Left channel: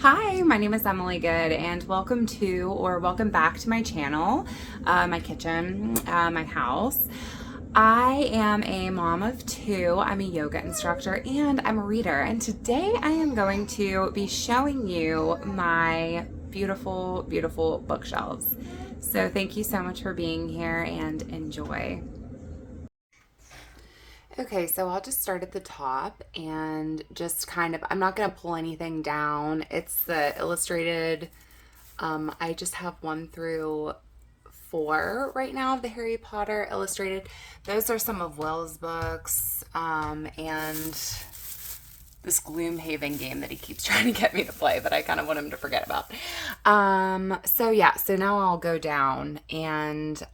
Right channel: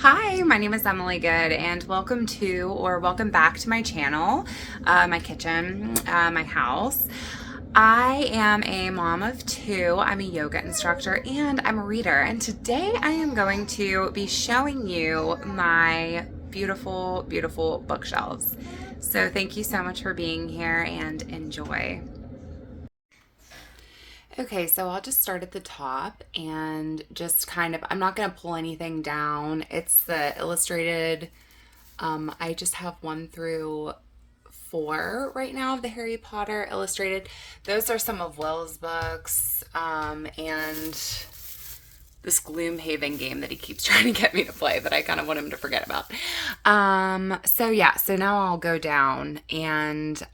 Hi, my name is Emily Good and welcome back to my channel, my kitchen, my house. I am a mom of two, I'm a yoga instructor, and I'm a reader. And today I am going to be showing you my beautiful, beautiful bookshelves. So thank you so much for being here and enjoy. Okay, so I'll just start at the top and just I'm not going to pull anything down. It's the illustrated, I just have 1 through 4 right now of the Harry Potter illustrated. Those are some of Will's books, and this Gloomhaven game that he keeps trying to get me to play that I kind of want him to forget about. So now I'll go down and,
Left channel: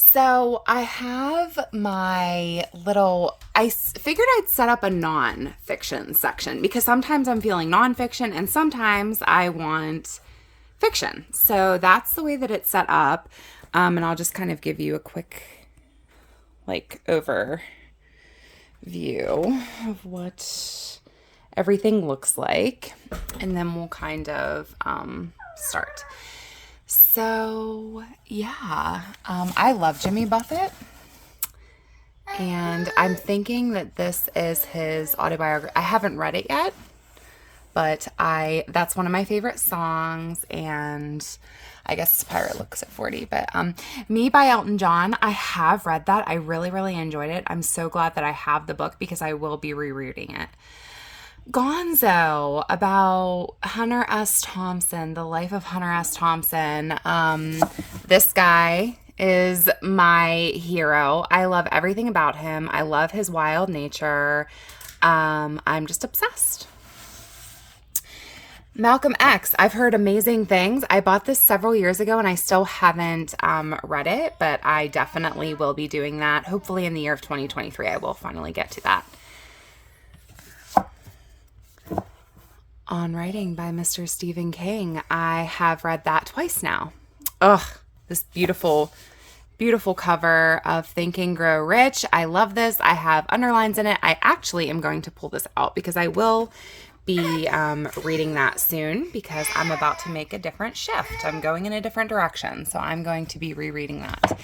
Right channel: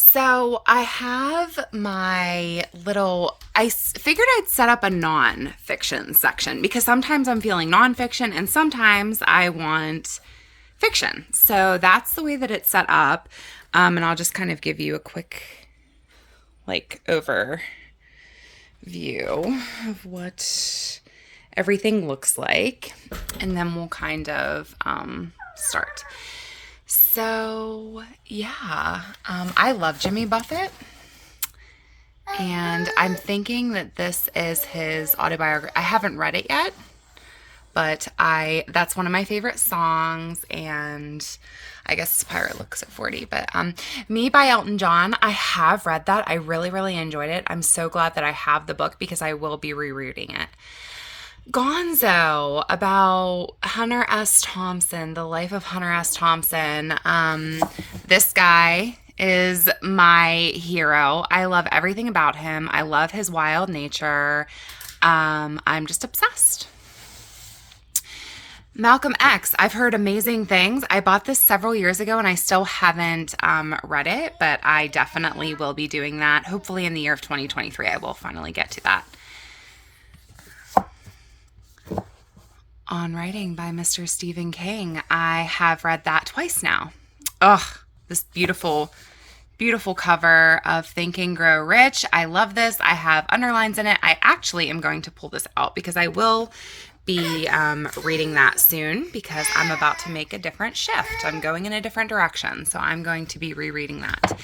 so I have my I figured I'd set up a nonfiction section because sometimes I'm feeling nonfiction and sometimes I want fiction. So that's the way that it's set up. And I'll just kind of give you a quick overview of what everything looks like. And then we'll kind of start. So, yeah, I love Jimmy Buffett, and I'm thinking that this is his autobiography. I haven't read it yet, but that's one of my favorite songs, and I guess Pirate Looks at 40, but Me by Elton John, I have read that. I really, really enjoyed it. I'm so glad that I have the book because I will be rereading it. Gonzo, about Hunter S. Thompson, the life of Hunter S. Thompson. This guy is my hero. I love everything about him. I love his wild nature. I'm just obsessed. Malcolm X, I've heard amazing things. I bought this several years ago and I still haven't read it, but I definitely will be doing that. Hopefully in the year of 2023, I will finally get to that. On Writing by Mr. Stephen King. I have read that twice now. Ugh, this beautiful, beautiful cover of Think and Grow Rich. I love this. I have underlines in it. I actually am going to pull this out because I will be reading that soon because I'm about to make a different shift. I'm going in a different direction, so I'm going to be rereading that.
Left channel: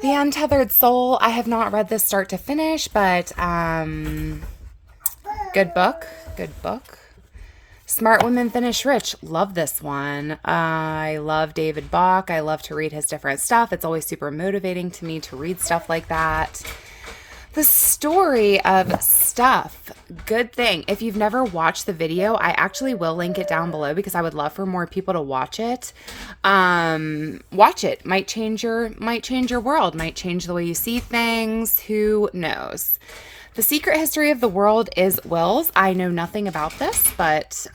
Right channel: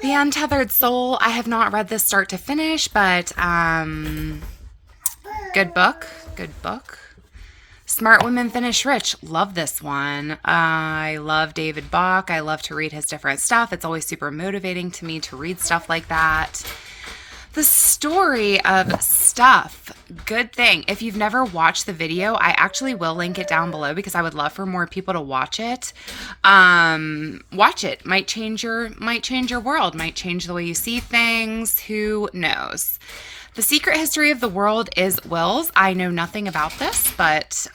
The Untethered Soul. I have not read this start to finish, but good book. Good book. Smart Women Finish Rich. Love this one. I love David Bach. I love to read his different stuff. It's always super motivating to me to read stuff like that. The Story of Stuff. Good thing. If you've never watched the video, I actually will link it down below because I would love for more people to watch it. Watch it. Might change your world. Might change the way you see things. Who knows? The Secret History of the World is Will's. I know nothing about this, but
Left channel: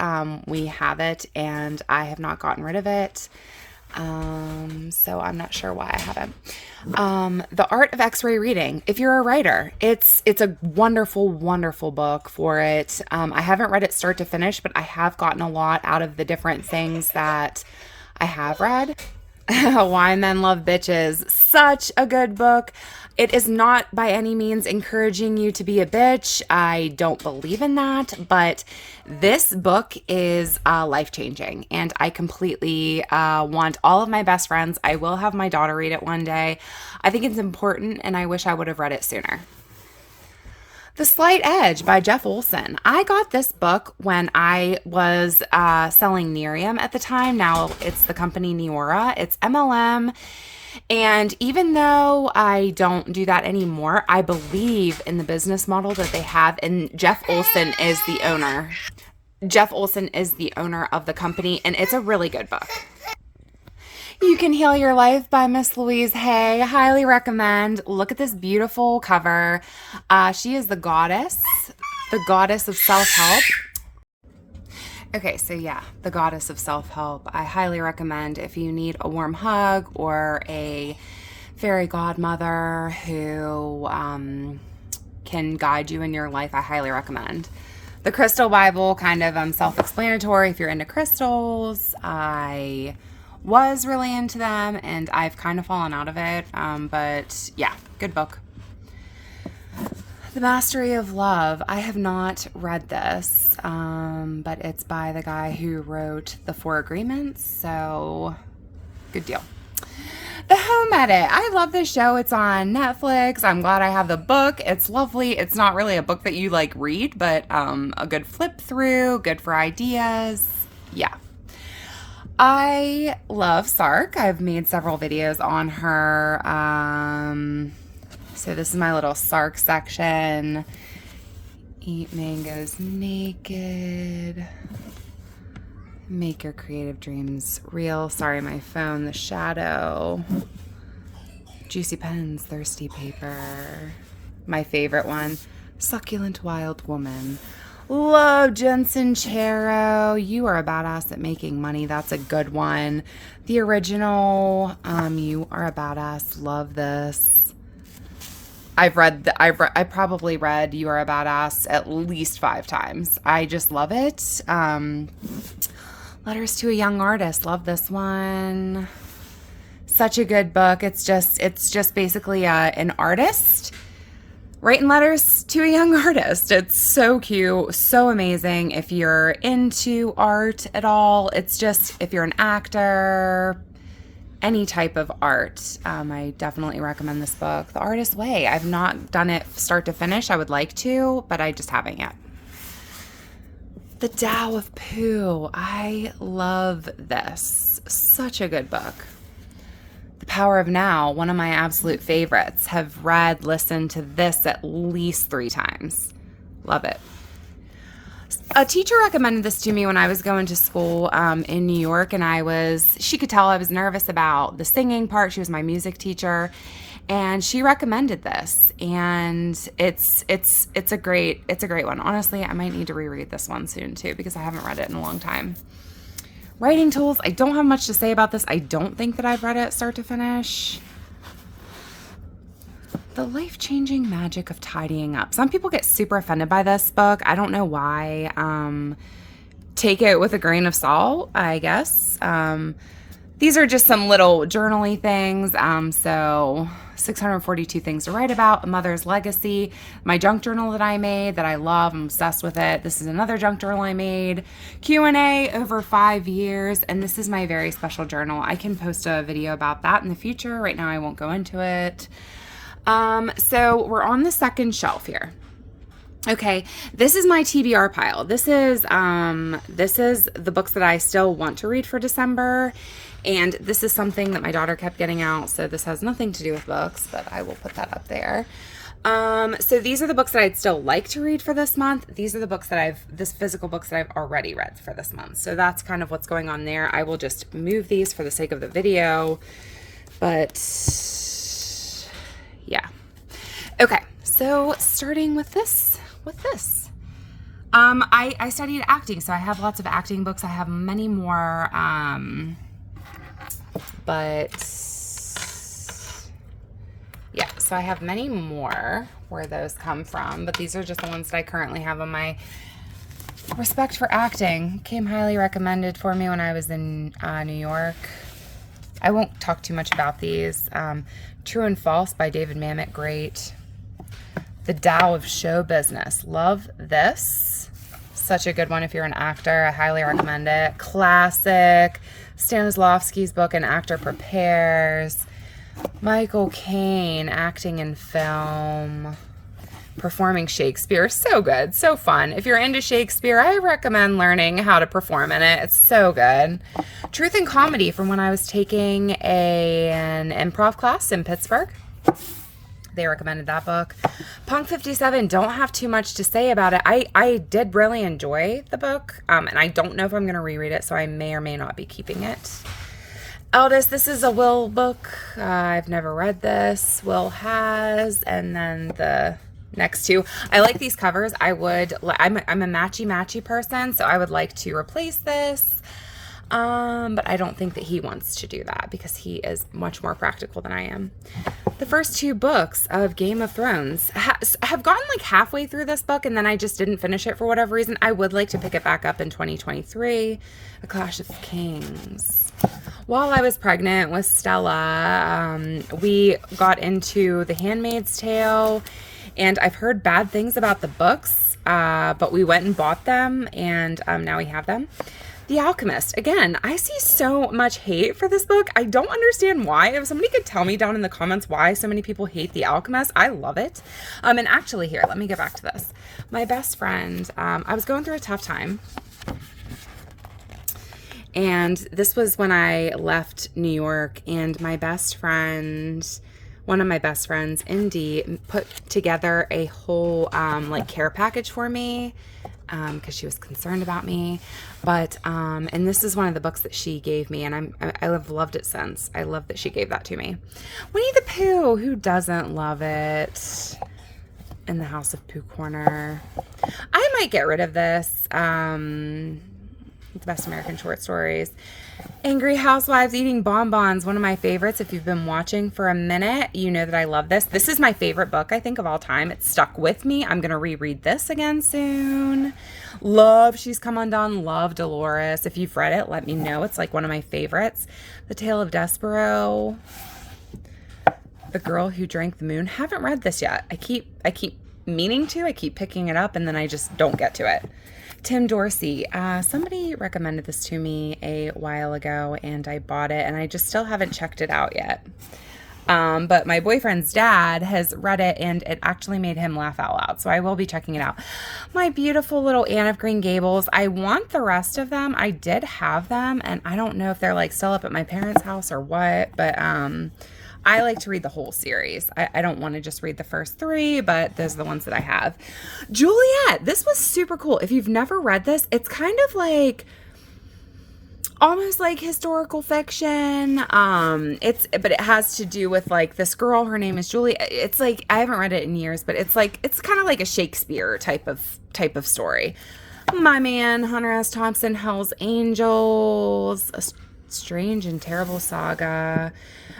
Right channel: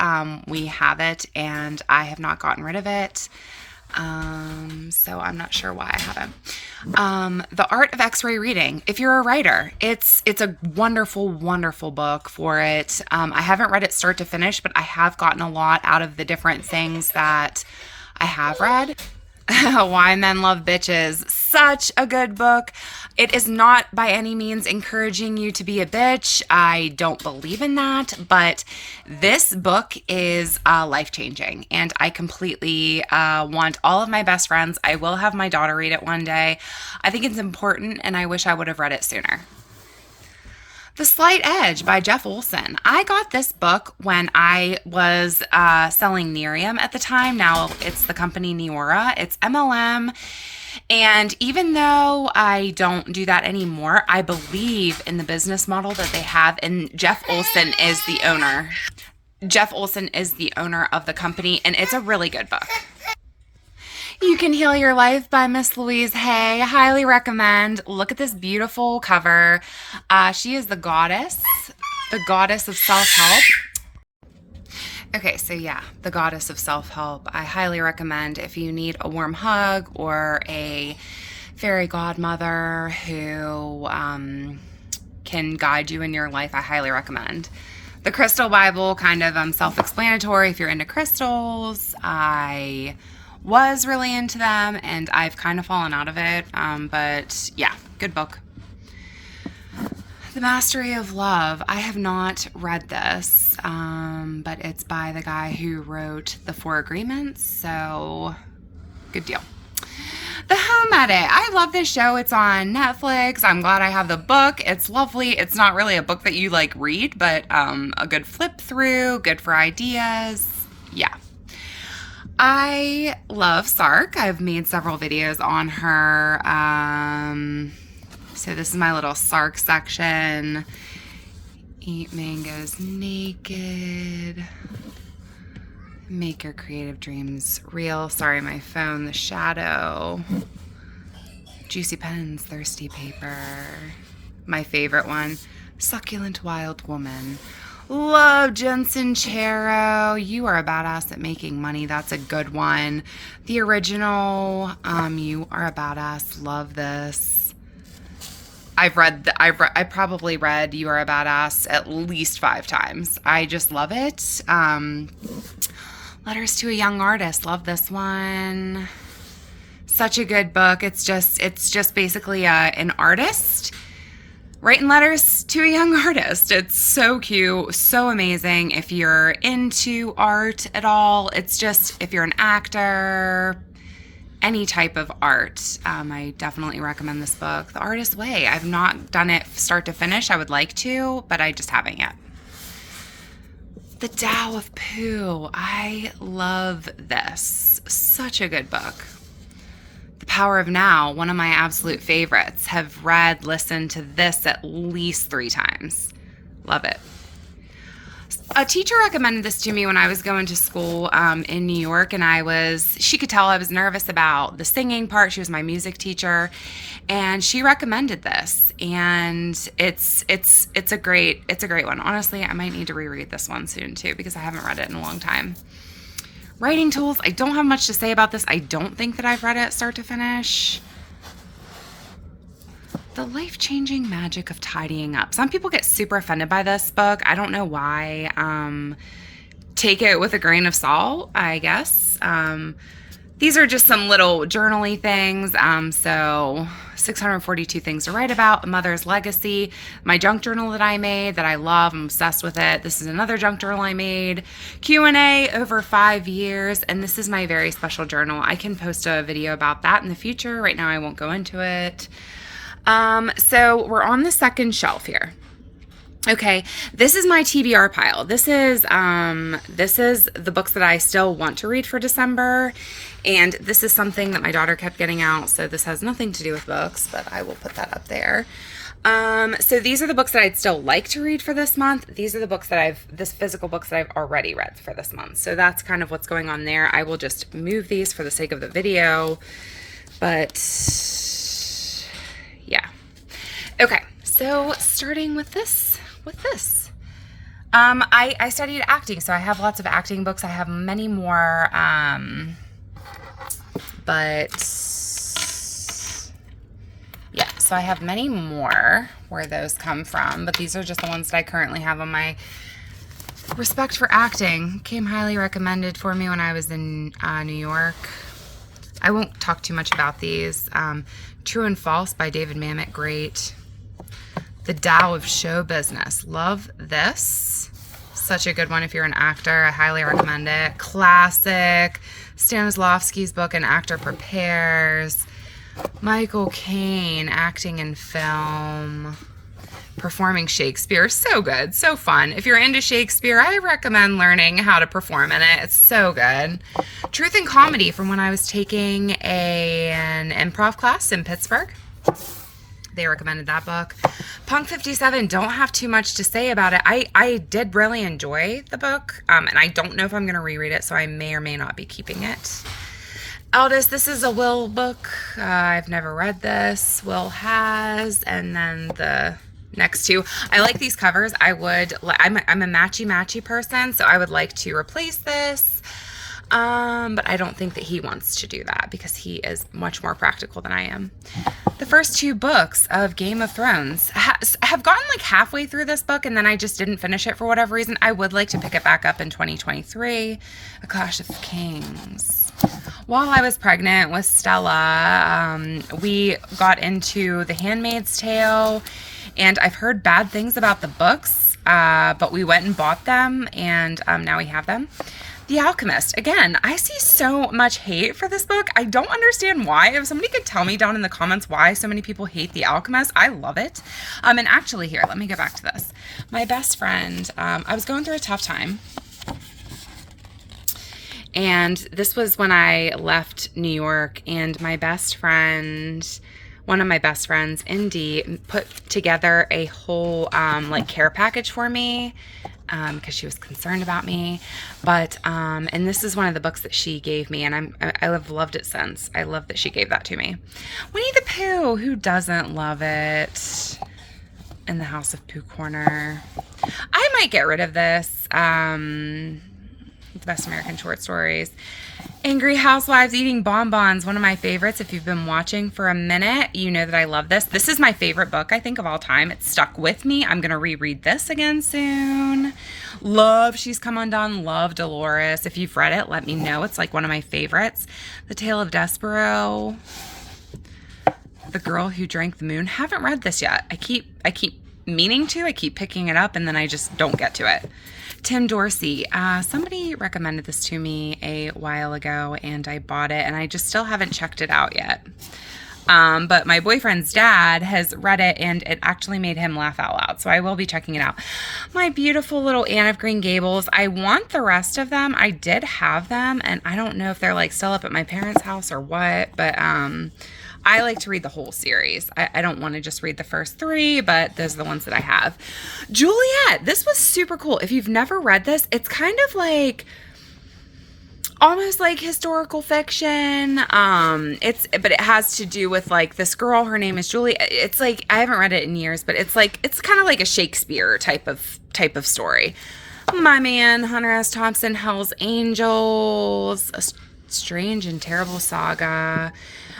we have it, and I have not gotten rid of it. So I'm not sure why I haven't. The Art of X-Ray Reading. If you're a writer, it's a wonderful, wonderful book for it. I haven't read it start to finish, but I have gotten a lot out of the different things that I have read. Why Men Love Bitches. Such a good book. It is not by any means encouraging you to be a bitch. I don't believe in that, but this book is life-changing, and I completely want all of my best friends. I will have my daughter read it one day. I think it's important, and I wish I would have read it sooner. The Slight Edge by Jeff Olson. I got this book when I was selling Nerium at the time. Now it's the company Neora. It's MLM. And even though I don't do that anymore, I believe in the business model that they have. And Jeff Olson is the owner. Jeff Olson is the owner of the company, and it's a really good book. You Can Heal Your Life by Miss Louise Hay. Highly recommend. Look at this beautiful cover. She is the goddess of self-help. Okay, so yeah, the goddess of self-help. I highly recommend if you need a warm hug or a fairy godmother who can guide you in your life. I highly recommend. The Crystal Bible, kind of self-explanatory if you're into crystals. I was really into them and I've kind of fallen out of it, but yeah, good book. The Mastery of Love. I have not read this, but it's by the guy who wrote The Four Agreements, so good deal. The Home Edit. I love this show. It's on Netflix. I'm glad I have the book. It's lovely. It's not really a book that you like read, but a good flip through, good for ideas. Yeah. I love SARK. I've made several videos on her. So this is my little SARK section. Eat mangoes naked. Make your creative dreams real. Sorry, my phone, the shadow. Juicy pens, thirsty paper. My favorite one, Succulent Wild Woman. Love Jensen Chero. You Are a Badass at Making Money. That's a good one. The original, You Are a Badass. Love this. I probably read You Are a Badass at least 5 times. I just love it. Letters to a Young Artist. Love this one. Such a good book. It's just basically an artist writing letters to a young artist. It's so cute, so amazing. If you're into art at all, it's just, if you're an actor, any type of art, I definitely recommend this book. The Artist's Way. I've not done it start to finish. I would like to, but I just haven't yet. The Tao of Pooh. I love this. Such a good book. The Power of Now. One of my absolute favorites. Have read, listened to this at least 3 times. Love it. A teacher recommended this to me when I was going to school in New York, and she could tell I was nervous about the singing part. She was my music teacher, and she recommended this, and it's a great one. Honestly, I might need to reread this one soon too, because I haven't read it in a long time. Writing tools. I don't have much to say about this. I don't think that I've read it start to finish. The Life-Changing Magic of Tidying Up. Some people get super offended by this book. I don't know why. Take it with a grain of salt, I guess. These are just some little journaly things. So 642 Things to Write About, A Mother's Legacy, my junk journal that I made that I love. I'm obsessed with it. This is another junk journal I made. Q&A over 5 years, and this is my very special journal. I can post a video about that in the future. Right now I won't go into it. So we're on the second shelf here. Okay, this is my TBR pile. This is the books that I still want to read for December, and this is something that my daughter kept getting out, so this has nothing to do with books, but I will put that up there. So these are the books that I'd still like to read for this month. These are the books that physical books that I've already read for this month. So that's kind of what's going on there. I will just move these for the sake of the video, but yeah. Okay, so starting with this. I studied acting, so I have lots of acting books. I have many more, but yeah, so I have many more where those come from, but these are just the ones that I currently have on my Respect for Acting. Came highly recommended for me when I was in New York. I won't talk too much about these. True and False by David Mamet, great. The Tao of Show Business. Love this. Such a good one if you're an actor. I highly recommend it. Classic. Stanislavski's book, An Actor Prepares. Michael Caine, Acting in Film. Performing Shakespeare. So good. So fun. If you're into Shakespeare, I recommend learning how to perform in it. It's so good. Truth and Comedy from when I was taking an improv class in Pittsburgh. They recommended that book. Punk 57, don't have too much to say about it. I did really enjoy the book, and I don't know if I'm going to reread it, so I may or may not be keeping it. Eldest, this is a Will book. I've never read this. Will has, and then the next two. I like these covers. I'm a matchy person, so I would like to replace this. But I don't think that he wants to do that because he is much more practical than I am. The first 2 books of Game of Thrones have gotten like halfway through this book, and then I just didn't finish it for whatever reason. I would like to pick it back up in 2023. A Clash of Kings. While I was pregnant with Stella, we got into The Handmaid's Tale, And I've heard bad things about the books, but we went and bought them, and now we have them. The Alchemist. Again, I see so much hate for this book. I don't understand why. If somebody could tell me down in the comments why so many people hate The Alchemist, I love it. And actually here, let me go back to this. My best friend, I was going through a tough time. And this was when I left New York, and my best friend, one of my best friends, Indy, put together a whole like care package for me because she was concerned about me. But and this is one of the books that she gave me, and I've loved it since. I love that she gave that to me. Winnie the Pooh, who doesn't love it? In the House of Pooh corner. I might get rid of this. The Best American Short Stories. Angry Housewives Eating Bonbons, one of my favorites. If you've been watching for a minute, you know that I love this. This is my favorite book, I think, of all time. It's stuck with me. I'm going to reread this again soon. Love She's Come Undone. Love Dolores. If you've read it, let me know. It's like one of my favorites. The Tale of Despero. The Girl Who Drank the Moon. Haven't read this yet. I keep meaning to. I keep picking it up, and then I just don't get to it. Tim Dorsey. Somebody recommended this to me a while ago, and I bought it, and I just still haven't checked it out yet. But my boyfriend's dad has read it, and it actually made him laugh out loud, so I will be checking it out. My Beautiful Little Anne of Green Gables. I want the rest of them. I did have them, and I don't know if they're like still up at my parents' house or what, but I like to read the whole series. I don't want to just read the first 3, but those are the ones that I have. Juliet. This was super cool. If you've never read this, it's kind of like almost like historical fiction. But it has to do with like this girl. Her name is Julie. It's like, I haven't read it in years, but it's kind of like a Shakespeare type of story. My Man, Hunter S. Thompson, Hell's Angels, A Strange and Terrible Saga.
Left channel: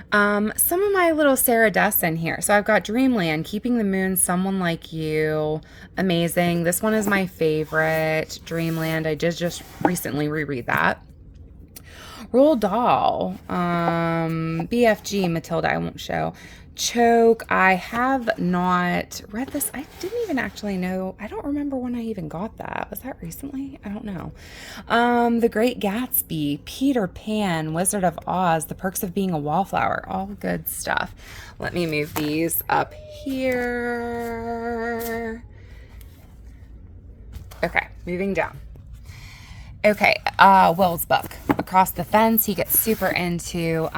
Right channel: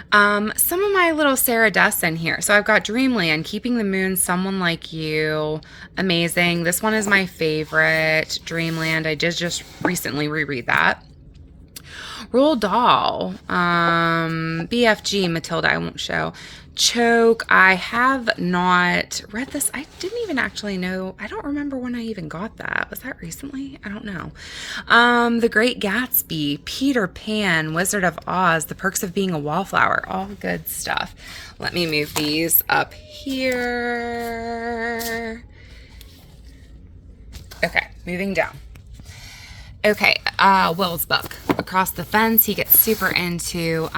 Some of my little Sarah Deaths in here. So I've got Dreamland, Keeping the Moon, Someone Like You. Amazing. This one is my favorite. Dreamland. I did just recently reread that. Roald Dahl. BFG, Matilda, I won't show. Choke. I have not read this. I didn't even actually know. I don't remember when I even got that. Was that recently? I don't know. The Great Gatsby, Peter Pan, Wizard of Oz, The Perks of Being a Wallflower. All good stuff. Let me move these up here. Okay, moving down. Okay, Will's book. Across the Fence. He gets super into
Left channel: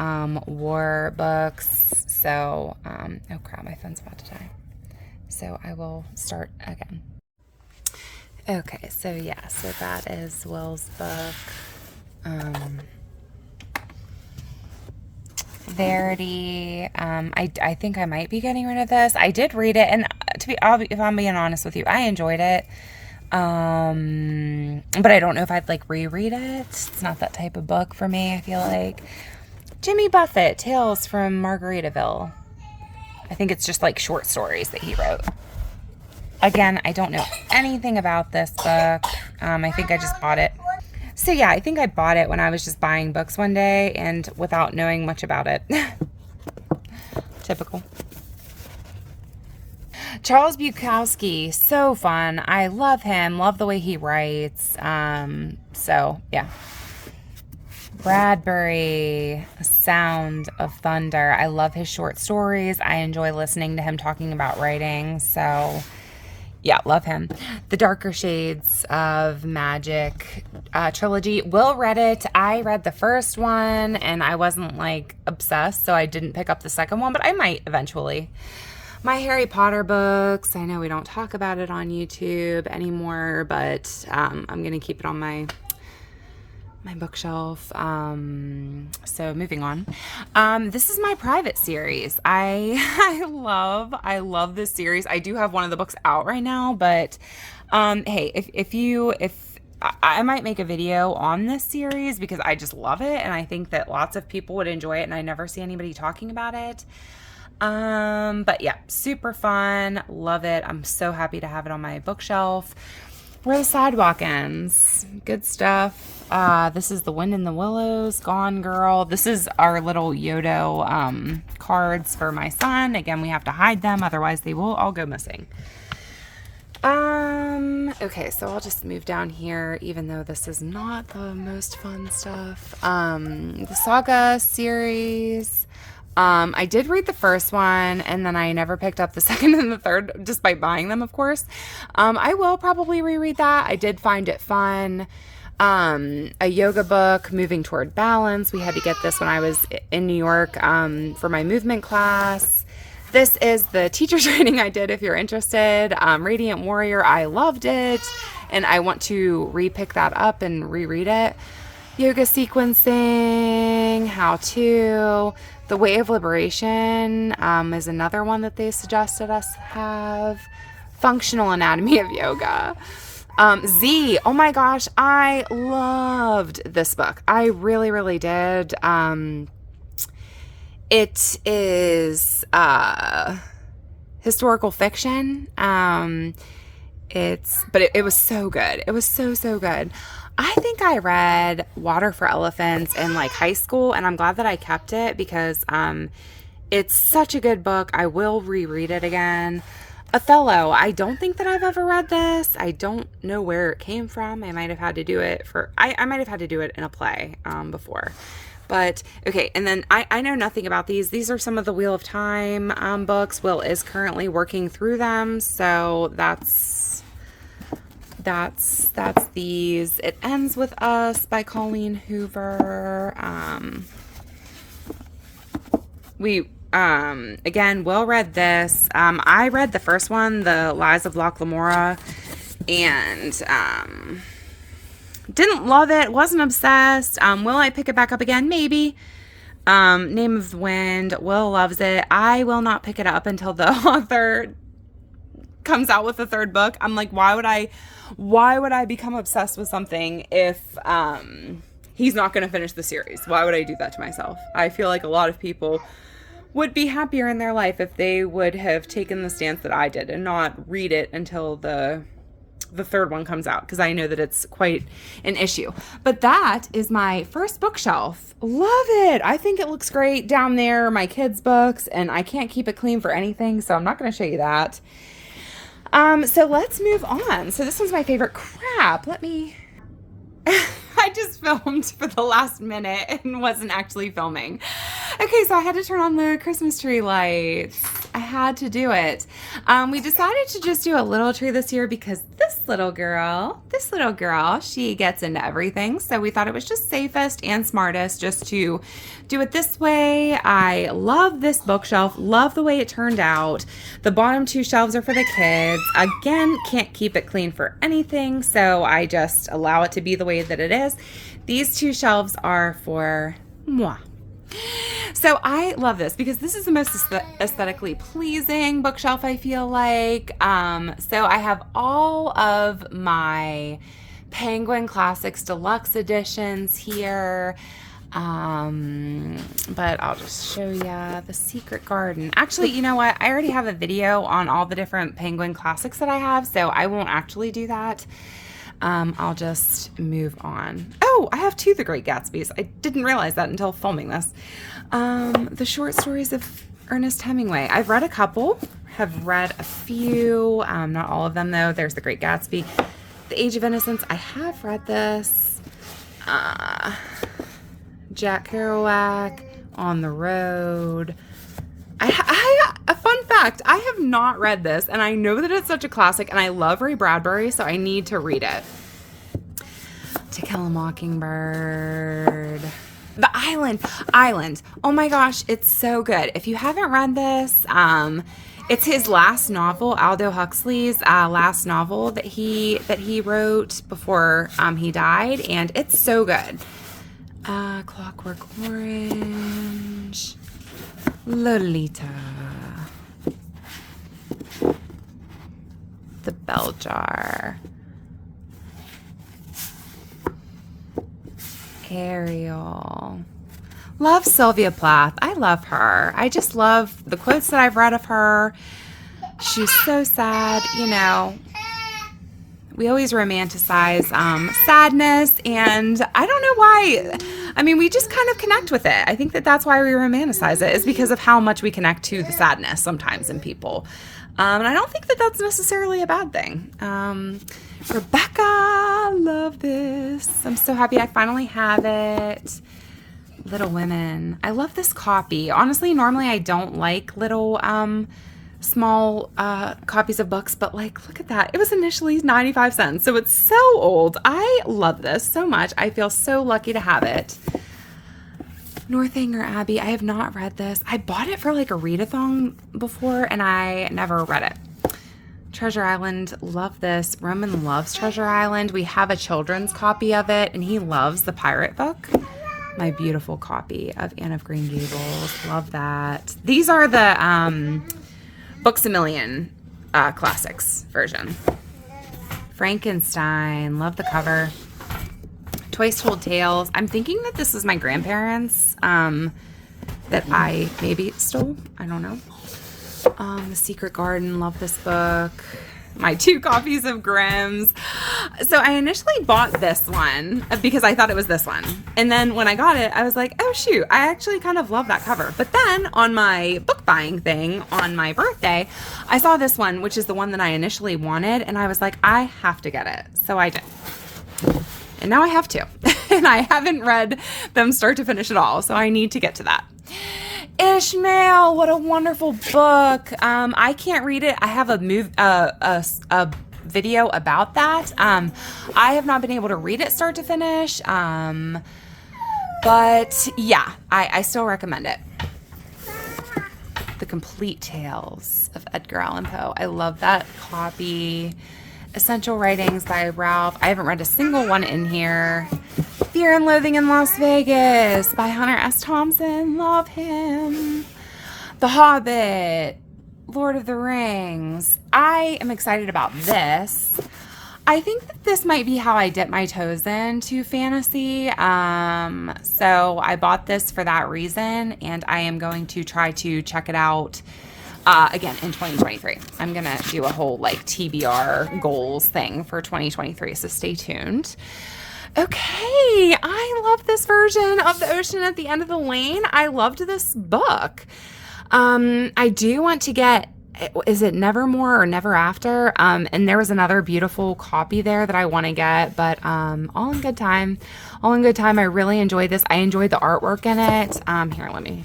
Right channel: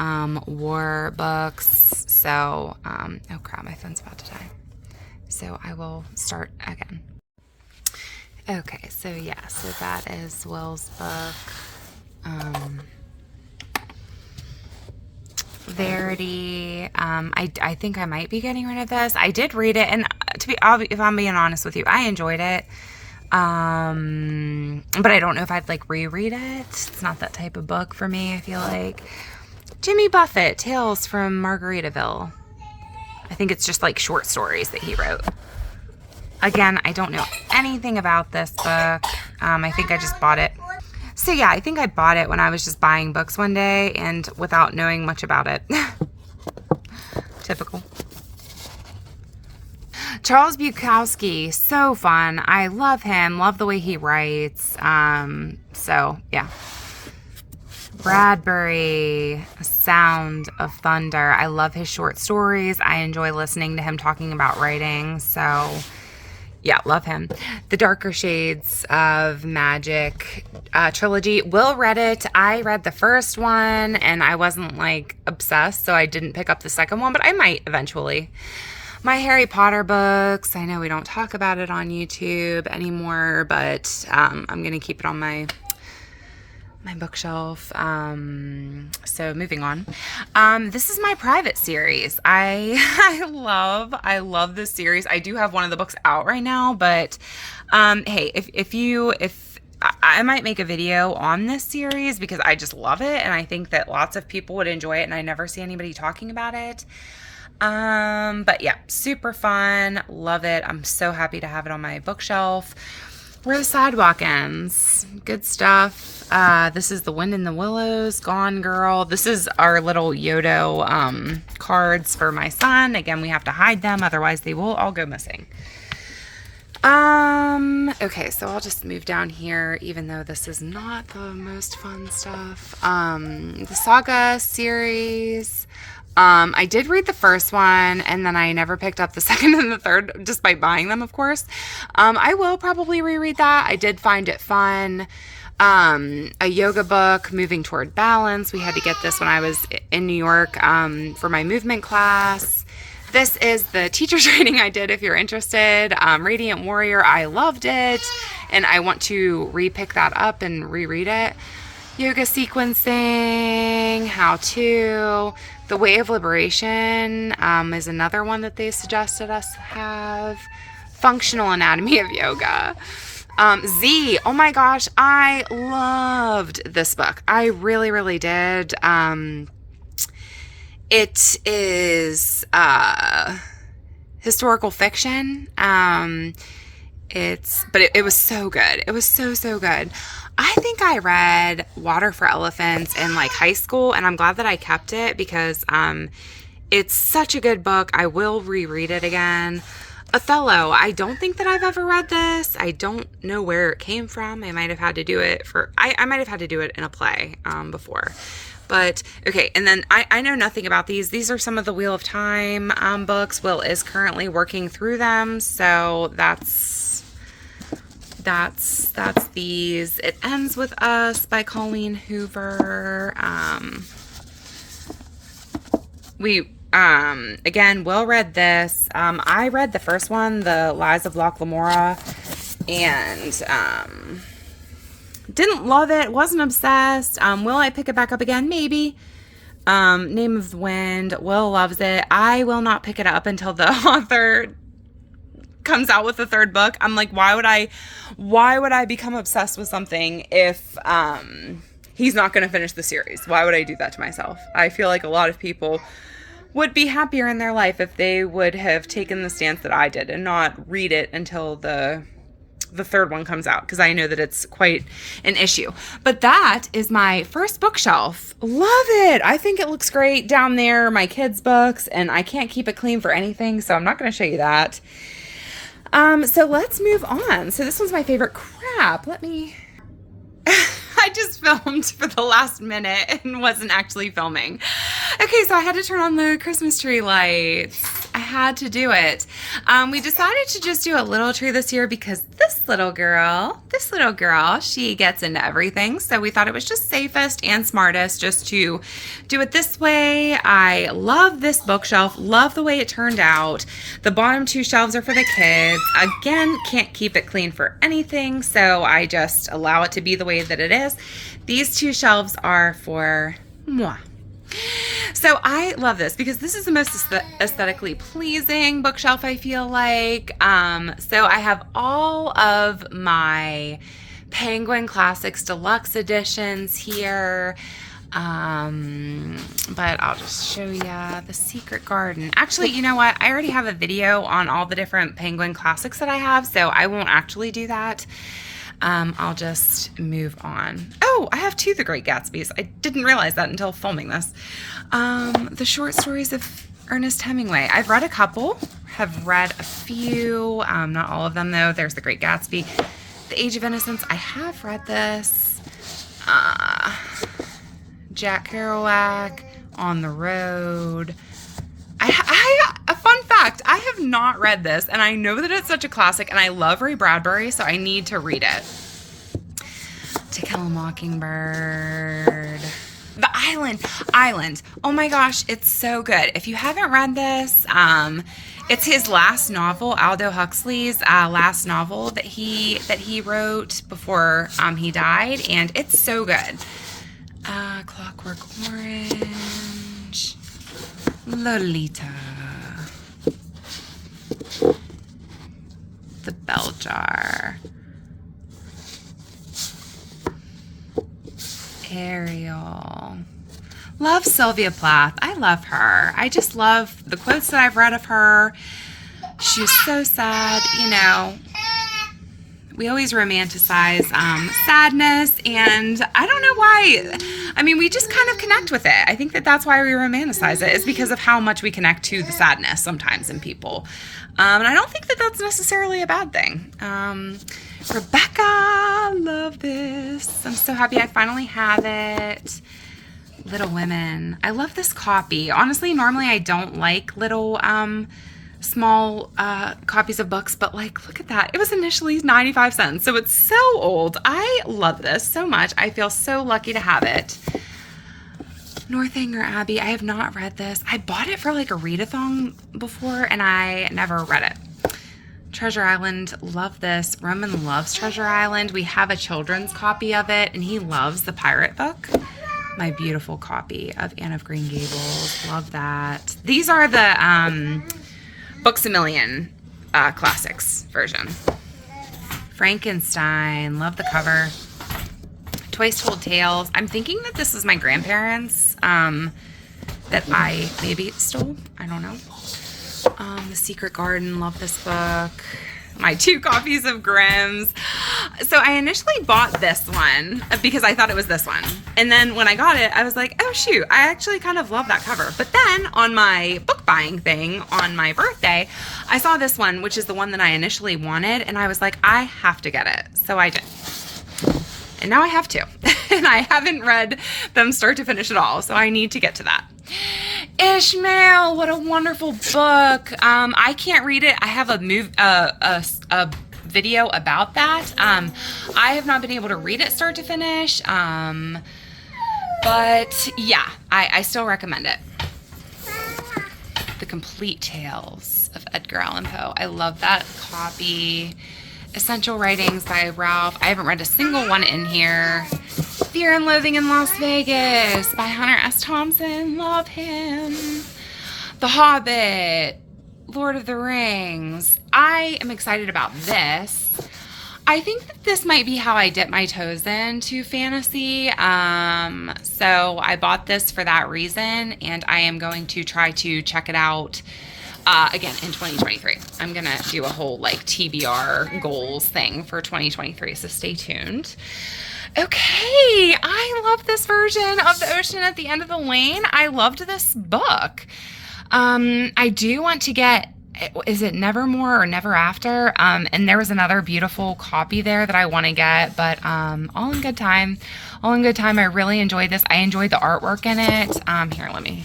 war books. So, oh crap, my phone's about to die. So I will start again. Okay, so yeah, so that is Will's book. Verity. I think I might be getting rid of this. I did read it, and if I'm being honest with you, I enjoyed it. But I don't know if I'd like reread it. It's not that type of book for me, I feel like. Jimmy Buffett, Tales from Margaritaville. I think it's just like short stories that he wrote. Again, I don't know anything about this book. I think I just bought it. So yeah, I think I bought it when I was just buying books one day and without knowing much about it. Typical. Charles Bukowski, so fun. I love him. Love the way he writes. So yeah. Bradbury, Sound of Thunder. I love his short stories. I enjoy listening to him talking about writing. So yeah, love him. The Darker Shades of Magic trilogy. Will read it. I read the first one and I wasn't like obsessed, so I didn't pick up the second one, but I might eventually. My Harry Potter books. I know we don't talk about it on YouTube anymore, but I'm going to keep it on my bookshelf. So moving on. This is my private series. I love this series. I do have one of the books out right now, but hey, if I might make a video on this series because I just love it and I think that lots of people would enjoy it and I never see anybody talking about it. But yeah, super fun. Love it. I'm so happy to have it on my bookshelf. Where the sidewalk ends. Good stuff. This is The Wind in the Willows, Gone Girl. This is our little Yodo cards for my son. Again, we have to hide them, otherwise they will all go missing. Okay, so I'll just move down here, even though this is not the most fun stuff. The Saga series. I did read the first one, and then I never picked up the second and the third, despite buying them, of course. I will probably reread that. I did find it fun. A yoga book, Moving Toward Balance. We had to get this when I was in New York for my movement class. This is the teacher training I did, if you're interested. Radiant Warrior, I loved it, and I want to re-pick that up and reread it. Yoga sequencing, how to. The Way of Liberation is another one that they suggested us have. Functional Anatomy of Yoga. Z, oh my gosh, I loved this book. I really, really did. It is historical fiction. It was so good. It was so good. I think I read Water for Elephants in like high school, and I'm glad that I kept it because it's such a good book. I will reread it again. Othello, I don't think that I've ever read this. I don't know where it came from. I might have had to do it I might have had to do it in a play before. But, okay, and then I know nothing about these. These are some of the Wheel of Time books. Will is currently working through them, so that's these. It Ends With Us by Colleen Hoover. Again, Will read this. I read the first one, The Lies of Locke Lamora, and didn't love it, wasn't obsessed. Will I pick it back up again? Maybe. Name of the Wind, Will loves it. I will not pick it up until the author comes out with the third book. I'm like, why would I become obsessed with something if he's not going to finish the series? Why would I do that to myself? I feel like a lot of people would be happier in their life if they would have taken the stance that I did and not read it until the third one comes out, because I know that it's quite an issue. But that is my first bookshelf. Love it. I think it looks great down there. My kids' books, and I can't keep it clean for anything, so I'm not going to show you that. So let's move on. So this one's my favorite. Crap. I just filmed for the last minute and wasn't actually filming. Okay, so I had to turn on the Christmas tree lights. I had to do it. We decided to just do a little tree this year because this little girl, she gets into everything. So we thought it was just safest and smartest just to do it this way. I love this bookshelf. Love the way it turned out. The bottom two shelves are for the kids. Again, can't keep it clean for anything, so I just allow it to be the way that it is. These two shelves are for moi. So I love this because this is the most aesthetically pleasing bookshelf, I feel like. So I have all of my Penguin Classics Deluxe editions here. But I'll just show you the Secret Garden. Actually, you know what? I already have a video on all the different Penguin Classics that I have, so I won't actually do that. I'll just move on. Oh, I have two The Great Gatsbys. I didn't realize that until filming this. The short stories of Ernest Hemingway. I've read a couple, have read a few, not all of them though. There's The Great Gatsby. The Age of Innocence, I have read this. Jack Kerouac, On the Road. A fun fact, I have not read this, and I know that it's such a classic, and I love Ray Bradbury, so I need to read it. To Kill a Mockingbird. The Island. Oh my gosh, it's so good. If you haven't read this, it's his last novel, Aldous Huxley's last novel that he wrote before he died, and it's so good. Clockwork Orange. Lolita. The Bell Jar. Ariel. Love Sylvia Plath. I love her. I just love the quotes that I've read of her. She's so sad, you know. We always romanticize sadness, and I don't know why. I mean, we just kind of connect with it. I think that that's why we romanticize it, is because of how much we connect to the sadness sometimes in people. And I don't think that that's necessarily a bad thing. Rebecca, love this. I'm so happy I finally have it. Little Women. I love this copy. Honestly, normally I don't like little small copies of books, but like, look at that. It was initially 95 cents, so it's so old. I love this so much. I feel so lucky to have it. Northanger Abbey. I have not read this. I bought it for like a readathon before, and I never read it. Treasure Island. Love this. Roman loves Treasure Island. We have a children's copy of it, and he loves the pirate book. My beautiful copy of Anne of Green Gables. Love that. These are the Books A Million Classics version. Frankenstein. Love the cover. Twice Told Tales. I'm thinking that this is my grandparents' that I maybe stole. I don't know. The Secret Garden. Love this book. My 2 copies of Grimm's. So I initially bought this one because I thought it was this one. And then when I got it, I was like, oh shoot, I actually kind of love that cover. But then on my book buying thing on my birthday, I saw this one, which is the one that I initially wanted. And I was like, I have to get it. So I did. And now I have to. And I haven't read them start to finish at all. So I need to get to that. Ishmael, what a wonderful book. I can't read it. I have a video about that. I have not been able to read it start to finish. But yeah, I still recommend it. The Complete Tales of Edgar Allan Poe. I love that copy. Essential Writings by Ralph. I haven't read a single one in here. Fear and Loathing in Las Vegas by Hunter S. Thompson. Love him. The Hobbit. Lord of the Rings. I am excited about this. I think that this might be how I dip my toes into fantasy. So I bought this for that reason, and I am going to try to check it out again in 2023. I'm gonna do a whole like TBR goals thing for 2023, so stay tuned. Okay, I love this version of The Ocean at the End of the Lane. I loved this book. I do want to get, is it Nevermore or Never After? And there was another beautiful copy there that I want to get, but all in good time. All in good time. I really enjoyed this. I enjoyed the artwork in it. Here, let me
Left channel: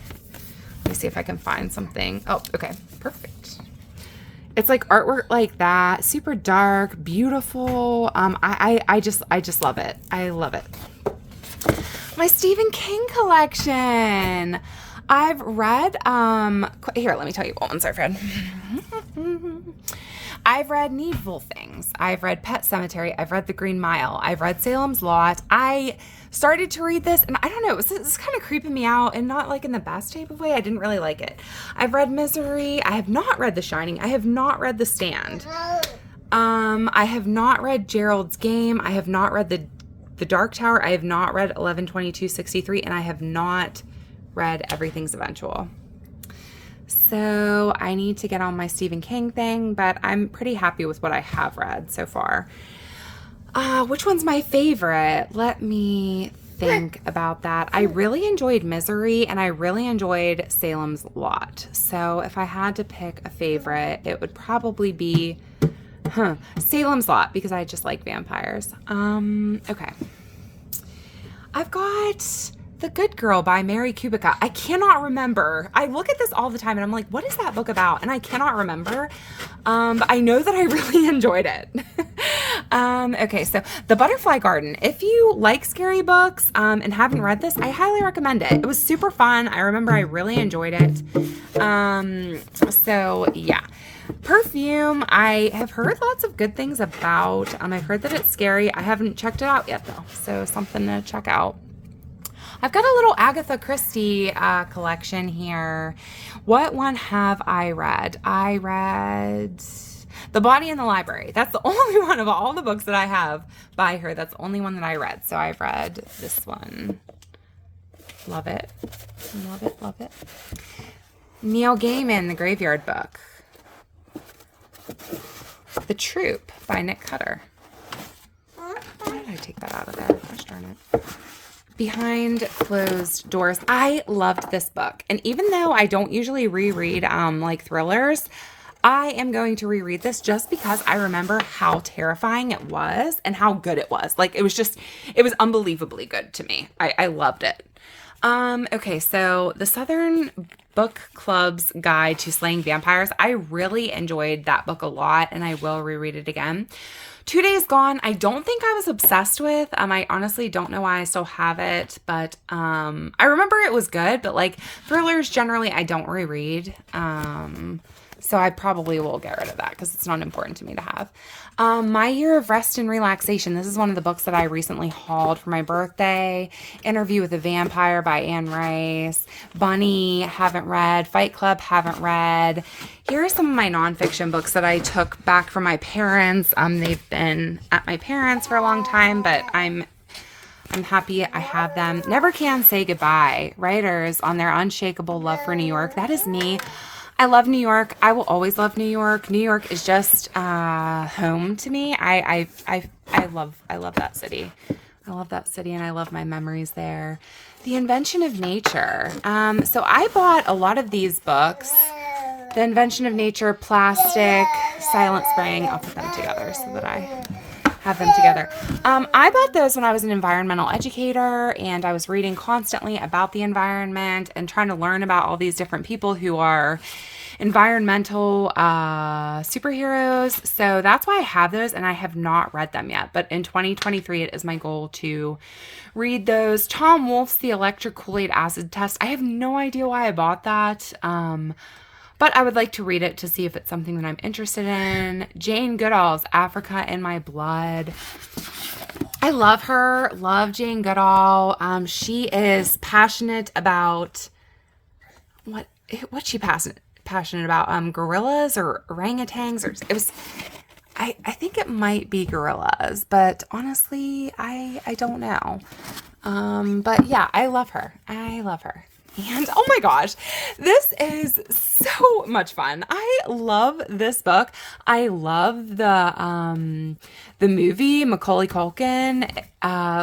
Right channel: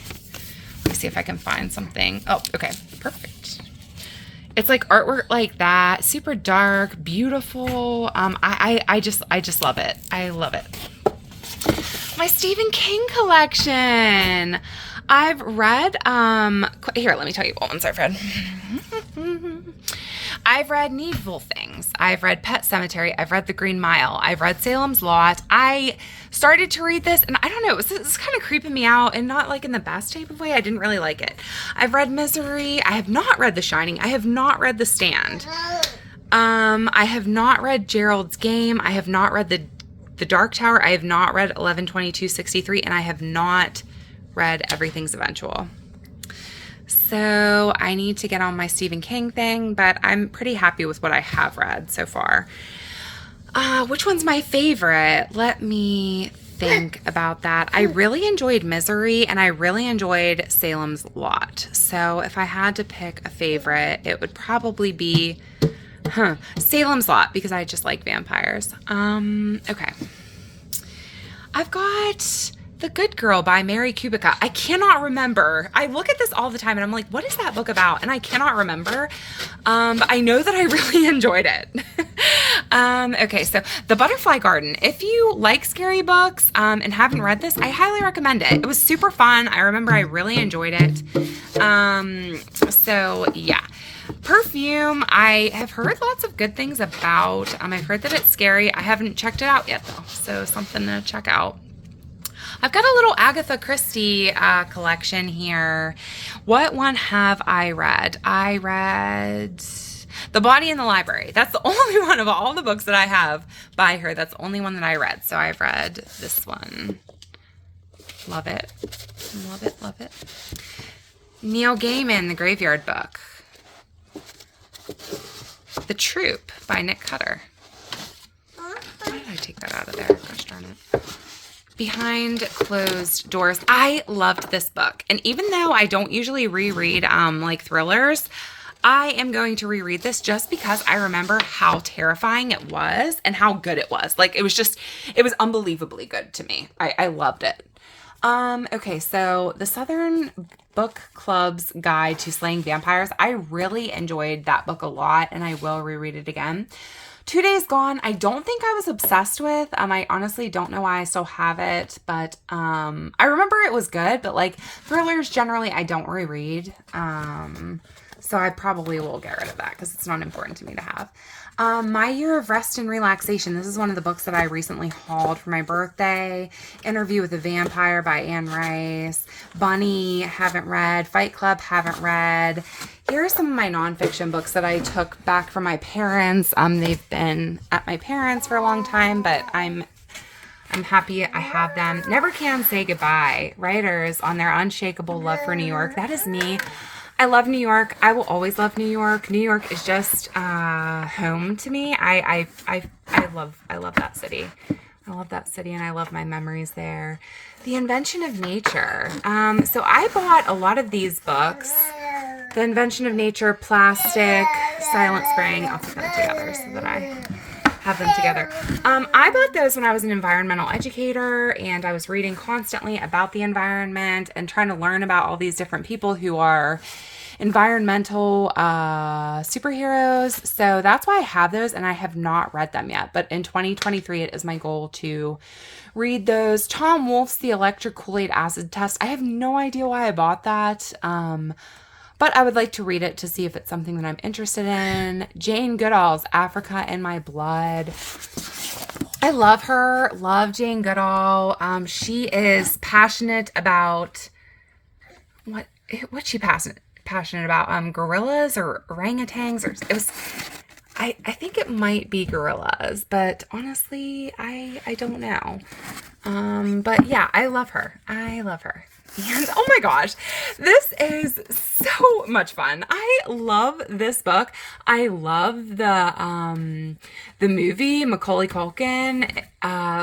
see if I can find something. Oh, okay, perfect. It's like artwork like that, super dark, beautiful. I just love it. I love it. My Stephen King collection. I've read, here, let me tell you what ones I've read. I've read Needful Things. I've read Pet Cemetery. I've read The Green Mile. I've read Salem's Lot. I started to read this, and I don't know, it's kind of creeping me out, and not like in the best type of way. I didn't really like it. I've read Misery. I have not read The Shining. I have not read The Stand. I have not read Gerald's Game. I have not read The Dark Tower. I have not read 11/22/63, and I have not read Everything's Eventual. So I need to get on my Stephen King thing, but I'm pretty happy with what I have read so far. Which one's my favorite? Let me think about that. I really enjoyed Misery, and I really enjoyed Salem's Lot. So if I had to pick a favorite, it would probably be Salem's Lot, because I just like vampires. Okay. I've got The Good Girl by Mary Kubica. I cannot remember. I look at this all the time and I'm like, what is that book about? And I cannot remember. But I know that I really enjoyed it. Okay, so The Butterfly Garden. If you like scary books and haven't read this, I highly recommend it. It was super fun. I remember I really enjoyed it. So yeah. Perfume, I have heard lots of good things about. I've heard that it's scary. I haven't checked it out yet though, so something to check out. I've got a little Agatha Christie collection here. What one have I read? I read The Body in the Library. That's the only one of all the books that I have by her. That's the only one that I read. So I've read this one. Love it. Love it, love it. Neil Gaiman, The Graveyard Book. The Troop by Nick Cutter. take that out of there. Gosh darn it. Behind Closed Doors. I loved this book. And even though I don't usually reread like thrillers, I am going to reread this just because I remember how terrifying it was and how good it was. Like, it was unbelievably good to me. I loved it. Okay, so the Southern Book Club's Guide to Slaying Vampires. I really enjoyed that book a lot, and I will reread it again. 2 Days Gone, I don't think I was obsessed with. I honestly don't know why I still have it, but I remember it was good, but like thrillers generally I don't reread. So I probably will get rid of that because it's not important to me to have. My Year of Rest and Relaxation. This is one of the books that I recently hauled for my birthday. Interview with a Vampire by Anne Rice. Bunny, haven't read. Fight Club, haven't read. Here are some of my nonfiction books that I took back from my parents. They've been at my parents for a long time, but I'm happy I have them. Never Can Say Goodbye. Writers on their unshakable love for New York. That is me. I love New York. I will always love New York. New York is just home to me. I love that city. I love that city, and I love my memories there. The Invention of Nature. So I bought a lot of these books. The Invention of Nature, Plastic, Silent Spring. I'll put them together so that I have them together. I bought those when I was an environmental educator, and I was reading constantly about the environment and trying to learn about all these different people who are environmental superheroes. So that's why I have those, and I have not read them yet. But in 2023, it is my goal to read those. Tom Wolfe's The Electric Kool-Aid Acid Test. I have no idea why I bought that. But I would like to read it to see if it's something that I'm interested in. Jane Goodall's Africa in My Blood. I love her. Love Jane Goodall. She is passionate about what's she passionate about? Gorillas or orangutans, or it was. I think it might be gorillas, but honestly, I don't know. But yeah, I love her. I love her. And oh my gosh, this is so much fun. I love this book. I love the movie. Macaulay Culkin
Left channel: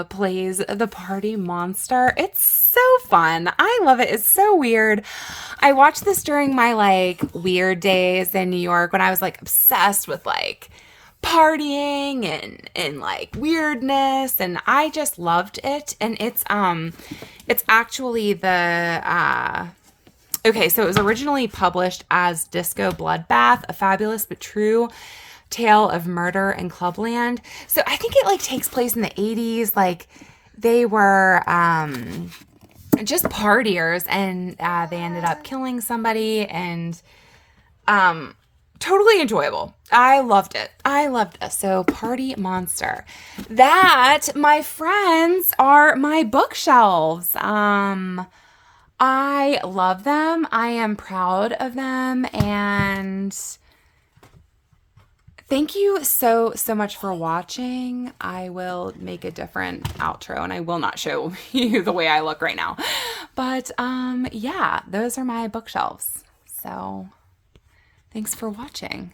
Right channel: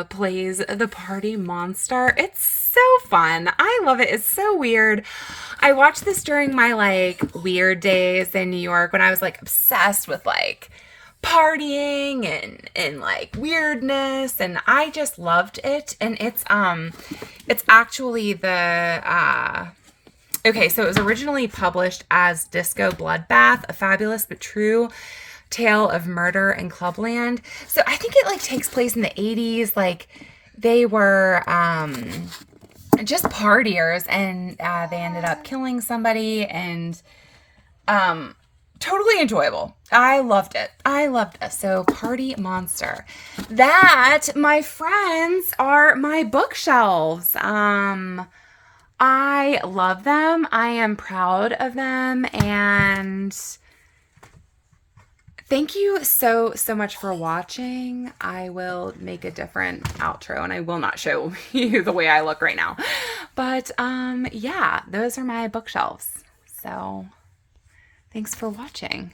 plays the party monster. It's so fun. I love it. It's so weird. I watched this during my like weird days in New York when I was like obsessed with like partying and like weirdness, and I just loved it. And it's actually the okay, so it was originally published as Disco Bloodbath, a fabulous but true tale of murder in Clubland. So I think it like takes place in the 80s. Like they were just partiers, and they ended up killing somebody, and totally enjoyable. I loved it. I loved it. So Party Monster. That, my friends, are my bookshelves. I love them. I am proud of them. And thank you so much for watching. I will make a different outro, and I will not show you the way I look right now. But yeah, those are my bookshelves. So thanks for watching.